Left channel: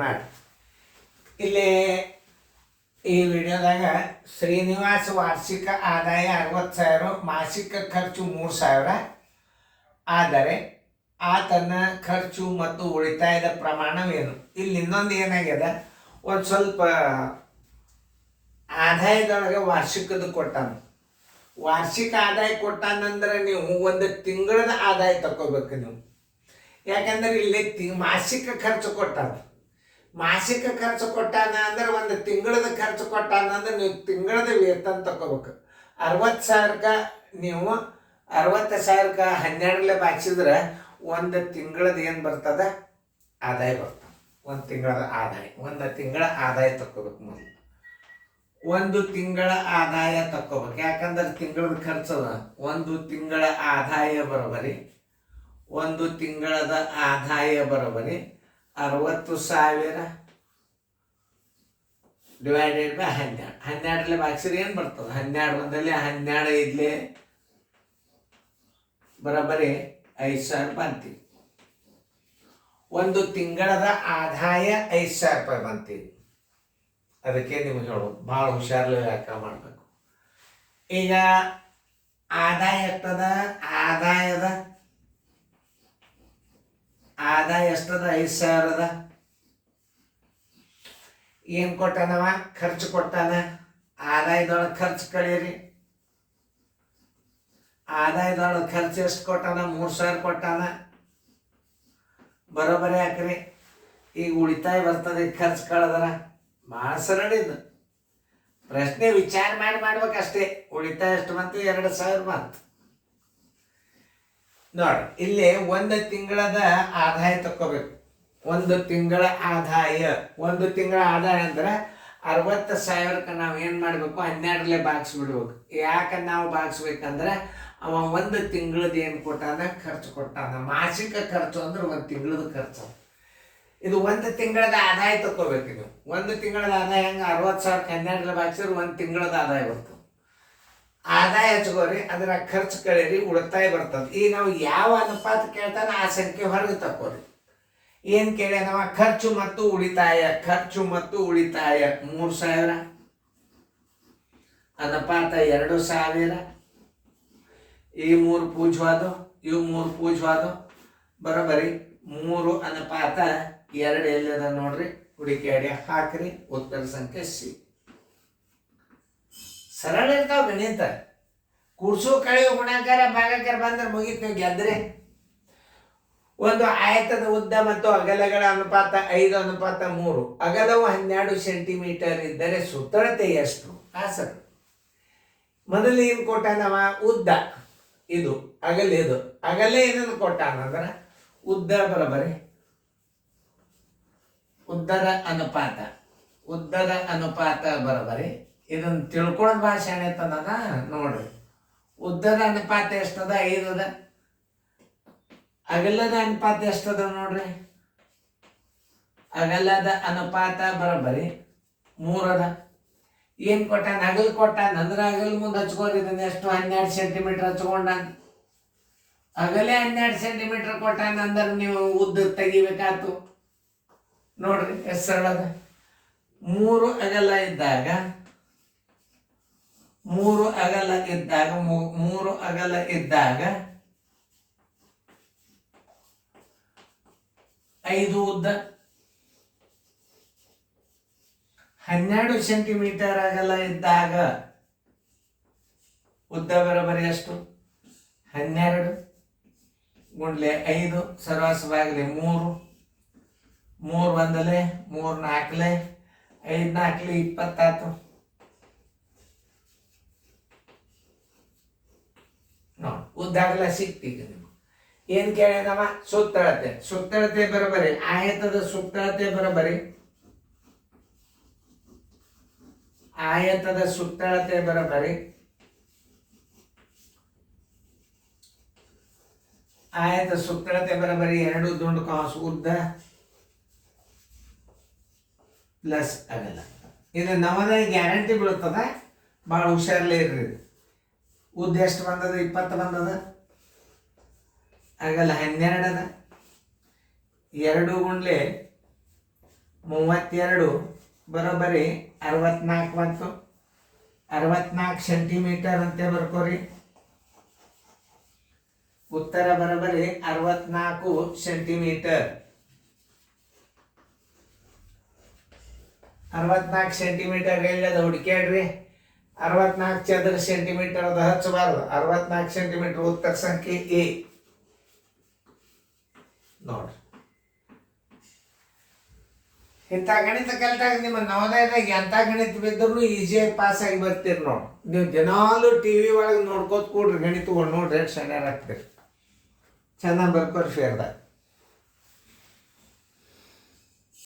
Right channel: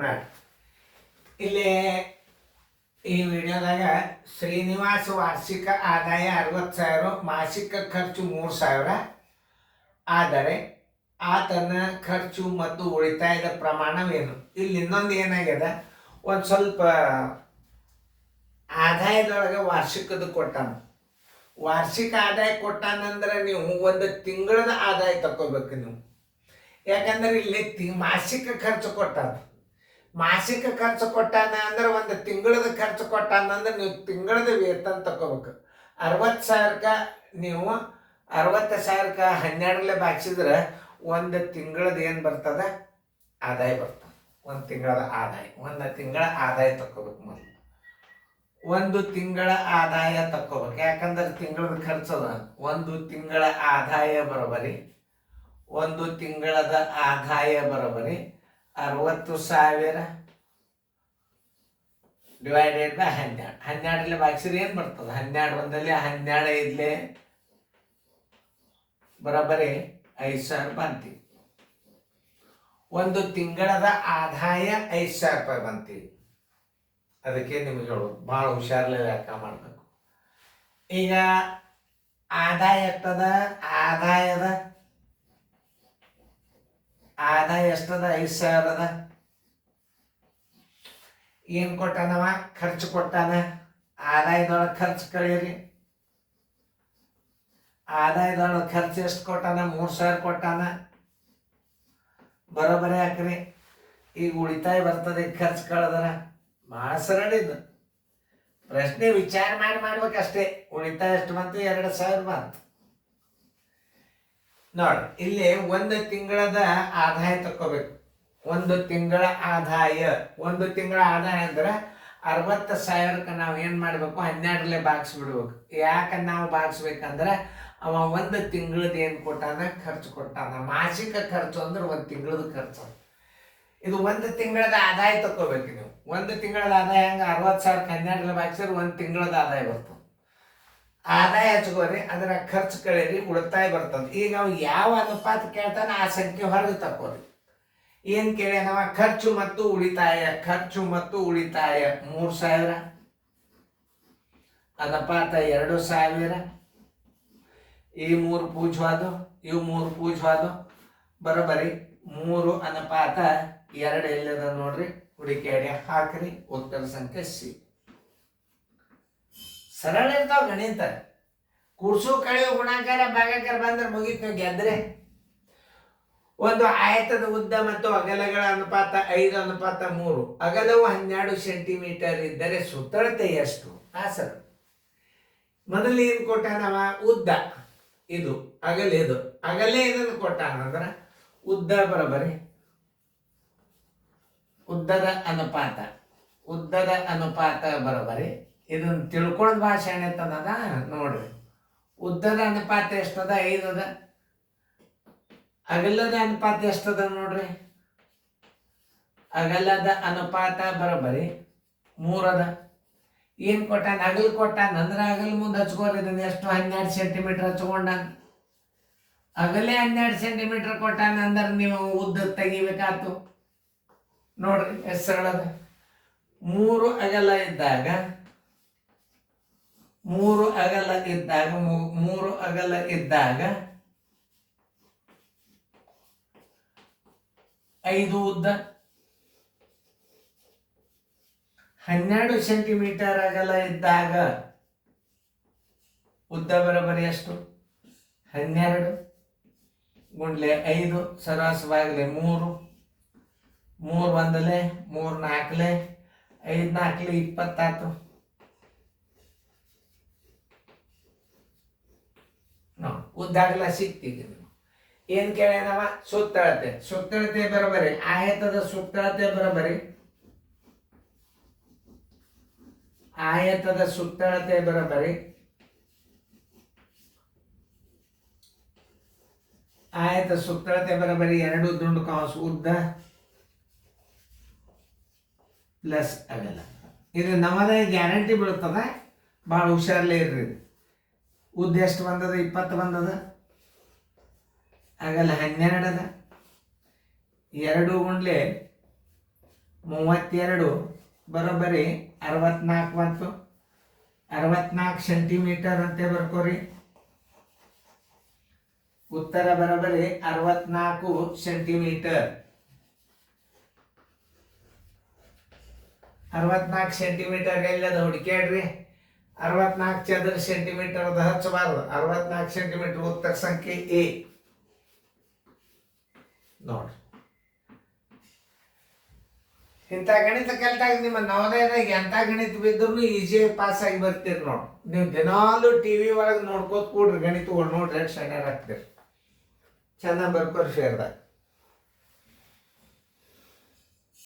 ಮಾಡಿ ಇಲ್ಲಿ ಈ ವಿಡಿಯೋದಾಗ ಶ್ರೀನಿವಾಸ ವಾರ್ಷಿಕ ಆದಾಯ 60,000, ಮಾಸಿಕ ಖರ್ಚು 3,000. ಆದರೆ ಆತನ ಖರ್ಚು ಮತ್ತು ಉಳಿತಾಯದ ಪ್ರಮಾಣವೇನು? ಇಲ್ಲಿ ಇನ್ನೊಂದು ಏನಾಗ್ಯದ, ಒಂದು ಸ್ವಲ್ಪ ಆದಾಯದೊಳಗೆ ವಾರ್ಷಿಕದ ಕೊಟ್ಟಾನ. ವಾರ್ಷಿಕ ಆದಾಯ ಕೊಟ್ಟಾನಂದ್ರೆ ನೀವು ಒಂದು ತಿಂಗಳದ ಆದಾಯ ತಗೋಬೇಕು ನೀವು. ಯಾಕಂದ್ರೆ ಇಲ್ಲಿ ಮಾಸಿಕ ಖರ್ಚು ಕೊಟ್ಟಾನ. ಮಾಸಿಕ ಖರ್ಚು ಕೊಟ್ಟಾನ ಅಂದ್ರೆ ಒಂದು ತಿಂಗಳದ ಖರ್ಚು ಕೊಟ್ಟಾನ ಅಂದ್ರೆ ನೀವು ತಿಂಗಳದ ವೇತನ ತಗೋಬೇಕು. 60,000ಕ್ಕೆ ನೀವು 60,000ಕ್ಕೆ 12 ಬಾಗಿಸಿದ್ರೆ ಒಂದು ತಿಂಗಳದ ಏನು ಬರ್ತದ ಆದಾಯ ಬರ್ತದೆ. ಒಂದು ತಿಂಗಳದ ಆದಾಯ, ಒಂದು ತಿಂಗಳ ಆದಾಯ ತಗೋಬೇಕು. ಮೊದಲು ಒಂದು ತಿಂಗಳ ಆದಾಯ ತಗೋಬೇಕು. ಯಾಕಂದ್ರೆ ತಿಂಗಳದ ಖರ್ಚದ ಒಂದು ತಿಂಗಳ ಆದಾಯ ಬರೋಬರಿ, ಒಂದು ತಿಂಗಳದ ಆದಾಯ ಬರೋಬರಿ 60,000 ಡಿವೈಡೆಡ್ ಬೈ 12. 12 ಬಾಗಿಸಿದ್ರೆ ಏನು ಬರ್ತದೆ? 12 ಒಂದಲ್ಲಿ 12 ಐದ್ಲೆ ಬರೋಬರಿ 5,000 ಬಂತೀವಿ. ಒಂದು ತಿಂಗಳದ ಆದಾಯ 5,000 ರೂಪಾಯಿ ಬಂತೀವಿ. ಅದಕ್ಕೆ ನಿಮಗೆ ಹೇಳೋದು ಭಾಳ ಹುಷಾರ್ಲೆ ಲೆಕ್ಕ ಮಾಡಬೇಕು. ಈಗ ಆದಾಯ ಎಷ್ಟದ? ಆದಾಯ ಎಷ್ಟದ? 5,000 ಅದ. ಏನು ಕೊಟ್ಟಾನವ? ಖರ್ಚು ಕೊಟ್ಟಾನ. ಆದಾಯದೊಳಗೆ ಖರ್ಚು ಕಳೀರಿ. ಆದಾಯದೊಳಗೆ ಖರ್ಚು ಎಷ್ಟು ಕೊಟ್ಟಾನ? 3,000 ಕೊಟ್ಟಾನ. ಬರೋಬರಿ ಹಾಕ್ರಿ. ಈಗ ಉಳಿತಾಯ ಬರ್ತದೆ. ಖರ್ಚು ಕಳೆದ್ರ ಭಾಳ ಸರಳ ಇದು. ಪ್ರಶ್ನೆ ವಿಚಾರ ಮಾಡ್ಬೇಕಷ್ಟೇ. ಉಳಿತಾಯ ಎಷ್ಟು ಬಂತು? 2,000 ಬಂತು. ನೋಡಿ, ಇಲ್ಲಿ ಒಂದು ತಿಂಗಳದ ಆದಾಯ ತಗೋಬೇಕು. ಒಂದು ತಿಂಗಳ ಆದಾಯ ಅಂದ್ರೆ 60,000ಕ್ಕೆ ನಾವು ಏನು ಮಾಡಬೇಕು? 12 ಬಾಗಿಸ್ಬಿಡ್ಬೇಕು. ಯಾಕೆ ನಾವು ಬಾಗಿಸ್ಬೇಕಂದ್ರೆ ಅವ ಒಂದು ತಿಂಗಳದ ಏನು ಕೊಟ್ಟಾನ? ಖರ್ಚು ಕೊಟ್ಟಾನ. ಮಾಸಿಕ ಖರ್ಚು ಅಂದ್ರೆ ಒಂದು ತಿಂಗಳದ ಖರ್ಚು. ಇದು ಒಂದು ತಿಂಗಳದ ಆದಾಯ ತಗೋಬೇಕು. ಇದು ಒಂದು ತಿಂಗಳದ ಆದಾಯ ಹಂಗೆ 60,000ಕ್ಕೆ 12 ಬಾಗಿಸಿದ್ರೆ ಒಂದು ತಿಂಗಳದ ಆದಾಯ ಬರ್ತದೆ. ಆದಾಯ ಹಚ್ಕೋರಿ, ಅದರ ಖರ್ಚು ಕಳೀರಿ, ಉಳಿತಾಯ ಬರ್ತದೆ. ಈಗ ನಾವು ಯಾವ ಅನುಪಾತ ಕೇಳ್ತಾನೆ ಆ ಸಂಖ್ಯೆ ಹೊರಗೆ ತಕ್ಕೋರಿ. ಏನು ಕೇಳ್ಯಾನವ? ಖರ್ಚು ಮತ್ತು ಉಳಿತಾಯ. 3,000 ಅನುಪಾತ 2,000. ಈ 3 ಪೂಜ್ಯವಾದು, ಇವು 3 ಪೂಜ್ಯವಾದು. ಬರೋಬರಿ 3 ಅನುಪಾತ 2 ಎಲ್ಲದ ನೋಡ್ರಿ. ಹುಡುಕಿ ಹಾಕ್ರಿ. ಉತ್ತರ ಸಂಖ್ಯೆ ಸಿ. ಸರಳ ಇರ್ತಾವ ಗಣಿತ. ಕೂಡ್ಸು ಕಳೆಯೋ ಗುಣಾಕಾರ ಭಾಗಾಕಾರ ಬಂದ್ರೆ ಮುಗಿತು, ಗೆದ್ರೆ. ಒಂದು ಆಯತದ ಉದ್ದ ಮತ್ತು ಅಗಲಗಳ ಅನುಪಾತ 5:3. ಅಗಲವು 12 ಸೆಂಟಿಮೀಟರ್ ಇದ್ದರೆ ಸುತ್ತಳತೆ ಎಷ್ಟು? ಸರ್, ಮೊದಲು ಏನು ಕೊಟ್ಟಾನವ? ಉದ್ದ ಇದು, ಅಗಲ ಇದು. ಅಗಲೇ ಇದನ್ನು ಕೊಟ್ಟಾನಂದ್ರೆ ಉದ್ದ ಬರೋಬರಿ ಉದ್ದದ ಅನುಪಾತ ಬರೋಬರಿ. ಇದನ್ನು ತಿಳ್ಕೊಳ್ಳೋದು ಭಾಷೆ ಏನೈತದ ನೋಡ್ರಿ. ಉದ್ದದ ಅನುಪಾತ ಎಷ್ಟದ? 5 ಅದ. ಅಗಲದ ಅನುಪಾತ ಎಷ್ಟದ ನೋಡ್ರಿ. ಅಗಲದ ಅನುಪಾತ ಬರೋಬರಿ 3 ಅದ. ಏನು ಕೊಟ್ಟಾನ? ಅಗಲ್ ಕೊಟ್ಟಾನ ಅಂದ್ರೆ ಅಗಲ್ ಮುಂದೆ ಹಚ್ಕೋರಿ. ಇದನ್ನ ಎಷ್ಟು? 12 ಸೆಂಟಿಮೀಟರ್ ಹಚ್ಕೊಂಡ. ಅಗಲೇ 12 ಸೆಂಟಿಮೀಟರ್ ಕೊಟ್ಟಾನ ಅಂದ್ರೆ ನೀವು ಉದ್ದ ತೆಗಿಬೇಕಾತು ನೋಡ್ರಿ. ಎಷ್ಟು ಸರಳದ? 3 ಅಗಲ ಇದ್ದಾಗ 5 ಉದ್ದ. 12 ಸೆಂಟಿಮೀಟರ್ ಅಗಲ ಇದ್ದಾಗ ಉದ್ದ ಬರೋಬರಿ ಎಷ್ಟು? 12 ಗುಂಡ್ಲೆ 5 ಸರಾಸವಾಗಲಿ 3. 3 ಒಂದಲೆ 3 4 5 4 20 ನೋಡಿ. ಉದ್ದಾಗಲ ಸಿಕ್ತೀಗ ನೀವು. ಏನು ಕೇಳ್ಯಾನವ? ಸುತ್ತಳತೆ ಬರೋಬರಿ. ಆಯತದ ಸುತ್ತಳತೆ ಬರೋಬರಿ. ಆಯತದ ಸುತ್ತಳತೆ ಬರೋಬರಿ ಎರಡು ದುಂಡು ಕಾಸು ಉದ್ದ ಪ್ಲಸ್ ಅಗಲ. ಇದು ನಮ್ಮದ ಗ್ಯಾರಂಟಿ ಬೀಳ್ತದ. ಭಾಳ ಹುಷಾರ್ಲೇ ಇರ್ರಿ. ಉದ್ದ ಎಷ್ಟು ಬಂದದ? 20 ಬಂದದ. ಅಗಲ 12 ಅದ. 2 ಗುಂಡ್ಲೆ 32 ಬರೋಬ್ಬರಿ 64 ಬಂತು. 64 ಸೆಂಟಿಮೀಟರ್ ಅಂತ ಬರ್ಕೋರಿ. ಉತ್ತರ ಬರೋಬ್ಬರಿ 64 ಸೆಂಟಿಮೀಟರ್. 64 ಸೆಂಟಿಮೀಟರ್ ಎಲ್ಲದ ಹುಡುಕ್ಯಾಡ್ರಿ. 64 ಚದರ ಸೆಂಟಿಮೀಟರ್ ಅದು ಹಚ್ಚಬಾರ್ದು. 64 ಸೆಂಟಿಮೀಟರ್ ಉತ್ತರ ಸಂಖ್ಯೆ ಎ ನೋಡ್ರಿ. ಇಂಥ ಗಣಿತ ಕಲ್ತಾಗ ನಿಮ್ಮ ನವೋದಯದಾಗ ಎಂಥ ಗಣಿತ ಬಿದ್ದರೂ ಈಸಿಯಾಗಿ ಪಾಸ್ ಆಗಿ ಬರ್ತೀರಿ ನೋಡಿ. ನೀವು ದಿನಾಲು ಟಿವಿ ಒಳಗೆ ನೋಡ್ಕೋತ ಕೂಡ್ರಿ ಗಣಿತಗಳು ನೋಡ್ರಿ ಎಷ್ಟು ಸಣ್ಣ ಆಗ್ತೀರಿ. ಚೆನ್ನಾಗಿ ಬರ್ಕೋರಿ ಫೇರ್ದಾಗ.